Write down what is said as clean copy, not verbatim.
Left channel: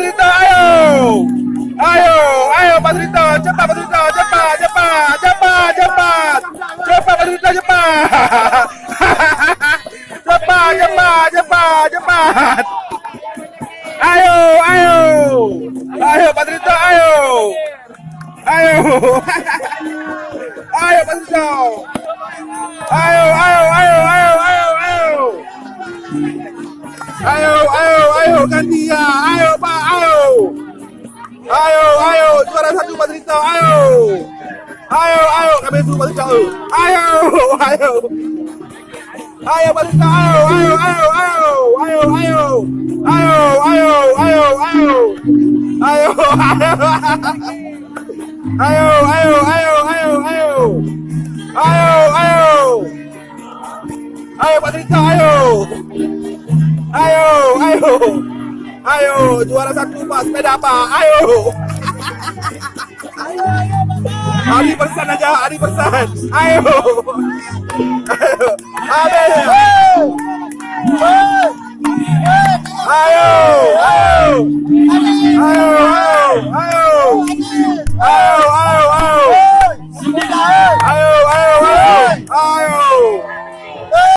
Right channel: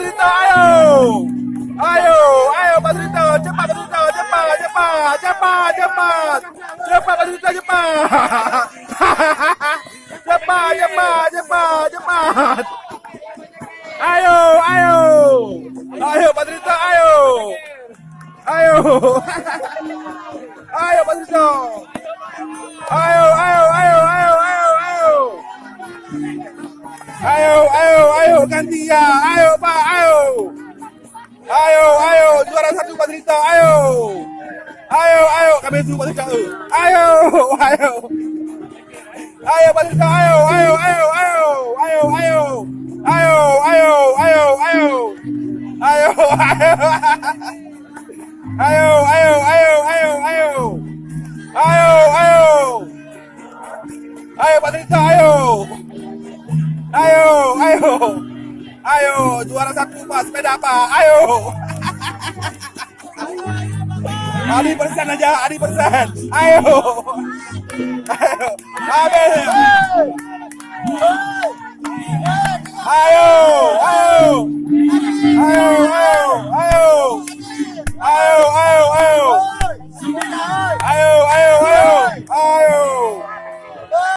Padrito, ayo. Ayo, ayo Padrito, cepat Padrito, cepat, cepat, cepat, cepat. Cepat Padrito, cepat. Cepat, cepat, cepat, cepat. Ayo, ayo. Ayo Padrito, ayo. Ayo. Ayo Padrito. Ayo, ayo, ayo, ayo, ayo, ayo. Ayo, ayo, ayo, ganti ya. Ayo, Pak, ayo. Ayo, ayo, juara satu Padrito, ayo. Ayo, ayo, kami dulu Padrito. Ayo, ayo. Ayo Padrito, ayo, ayo, ayo, ayo. Ayo, ayo. Ayo, ayo, ayo, ayo. Ayo. Ayo, ayo, ayo, ayo, ayo. Ayo, ayo. Ayo Padrito, ayo. Ayo, ayo. Ayo, juara satu Pak, sepeda Pak. Ayo. Adi persen aja, Adi persen. Ayo. Ayo. Ayo. Ayo.